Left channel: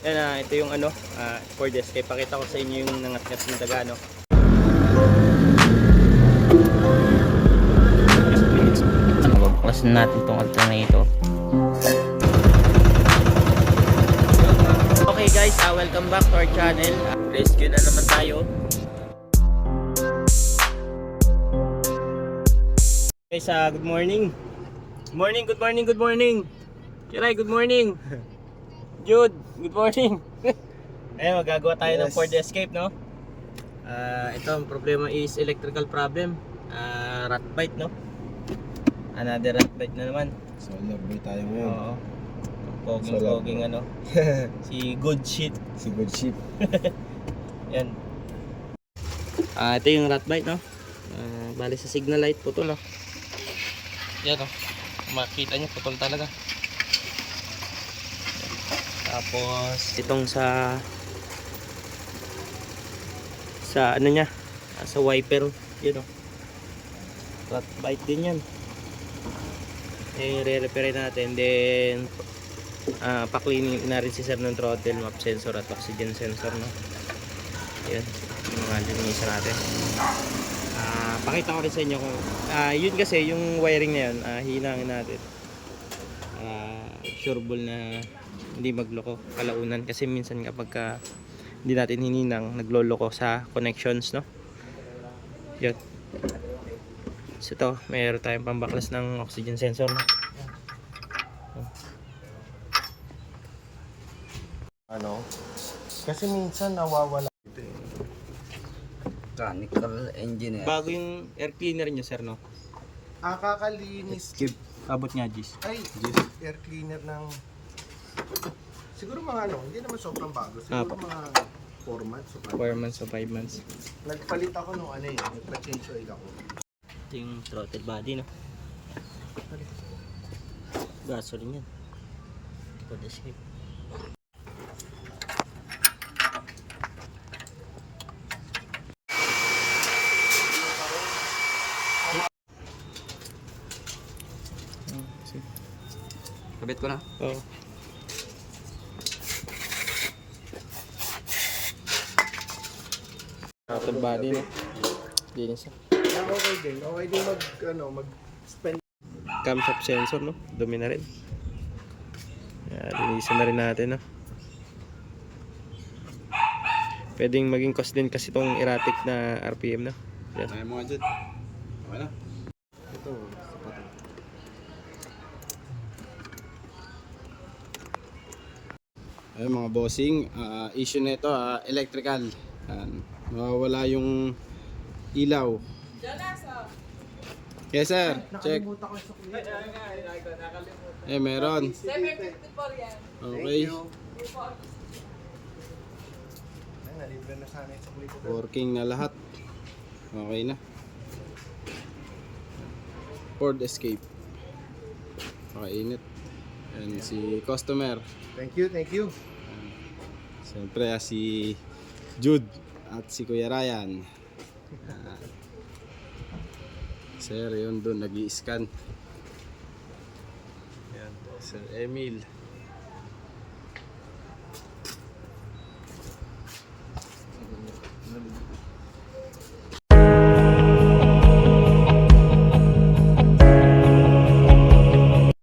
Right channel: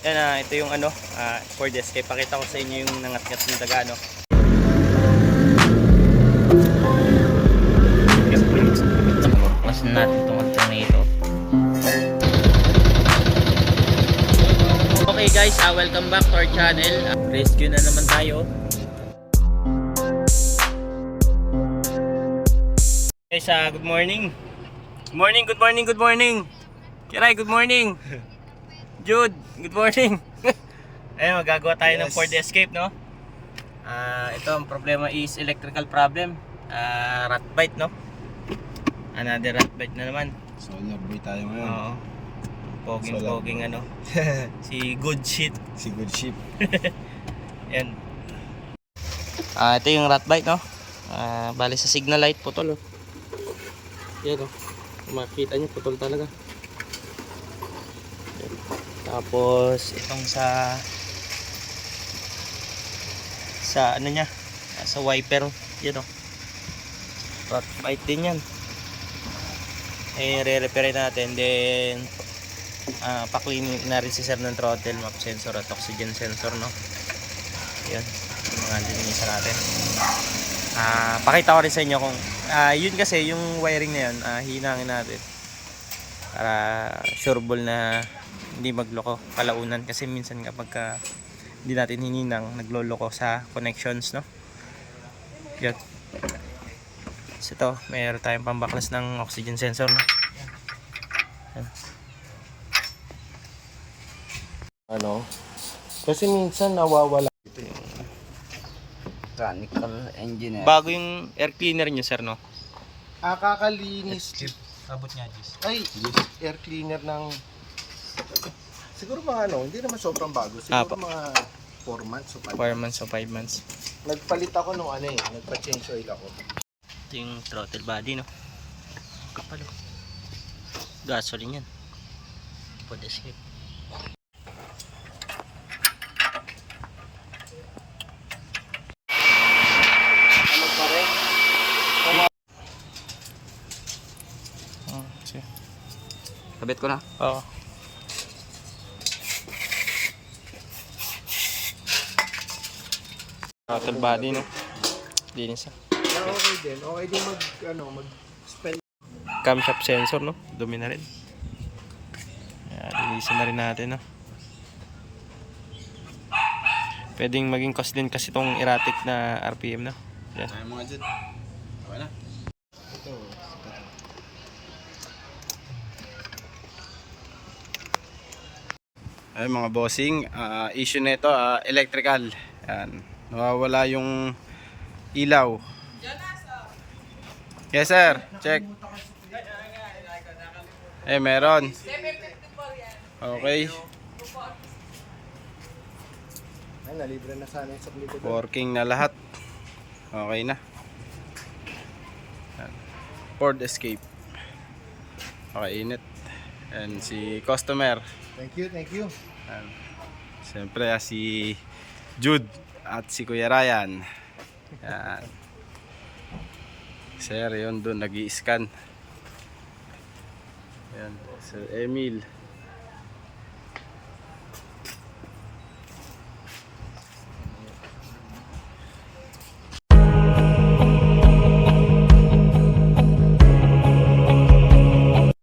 Yan ah, ito yung ano, ah, Ford Escape. Pakita ko sa inyo yung nangat-ngat ng daga, no. Pause natin itong alternator. Okay guys, ah, welcome back to our channel. Ah, rescue na naman tayo. Guys, ah, good morning. Good morning, good morning, good morning. Kiray, good morning. Jude, good morning. Ayun, magagawa tayo ng Yes. Ford Escape, no? Ah, ito ang problema is electrical problem. Ah, rat bite, no? Another rat bite na naman. Solar boy tayo ngayon. Oo. Poging Solar poging ano. si good shit. si Good Ship. Yan. Ah, ito yung rat bite, no? Ah, bali sa signal light putol, oh. Yan, oh. Kung makikita niyo putol talaga. Tapos itong sa sa ano niya, ah, sa wiper, yan, oh. Rat bite din yan. Eh, re-repair natin. Then, ah pa-clean na rin si sir ng throttle, map sensor at oxygen sensor, no? Yan, yung mga linisan natin. Ah, pakita ko rin sa inyo kung ah yun kasi yung wiring na yun, ah, hinangin natin. Para sureball na hindi magloko kalaunan kasi minsan kapag ka hindi natin hininang nagloloko sa connections, no? Yan. So ito, mayroon tayong pambaklas ng oxygen sensor, no? Ano? Kasi minsan nawawala. mechanical engineer. Bago yung air cleaner nyo, sir, no? Ah, kakalinis. Abot nga, Gis. Ay, air cleaner ng... Siguro mga ano, hindi naman sobrang bago. Siguro Apo. mga 4 months o 5 4 months o 5 months. Nagpalit ako nung ano eh, nagpa-change oil ako. Ito yung throttle body, no? Kapalo. Gasoline yan. Escape. Oh, sige. Kabit ko na. Oo. Throttle body, no? Linis ah. Ah, okay din. Okay din mag, ano, mag-spend. camshaft sensor no dumi na rin Yan, linisan na rin natin no pwedeng maging cost din kasi itong erratic na RPM no yan Tayo mga dyan. Okay na. Ito, ito. Ay mga bossing, ah, issue nito ah, electrical. Yan. Nawawala yung ilaw. Yes sir, check. Eh meron. Okay, working na lahat. Okay na. Ford Escape. Okay, init. And si customer. Thank you, thank you. Yan. Siyempre ah, si Jude at si Kuya Ryan. Yan. Sir, yun doon nag scan Yan. Sir Emil.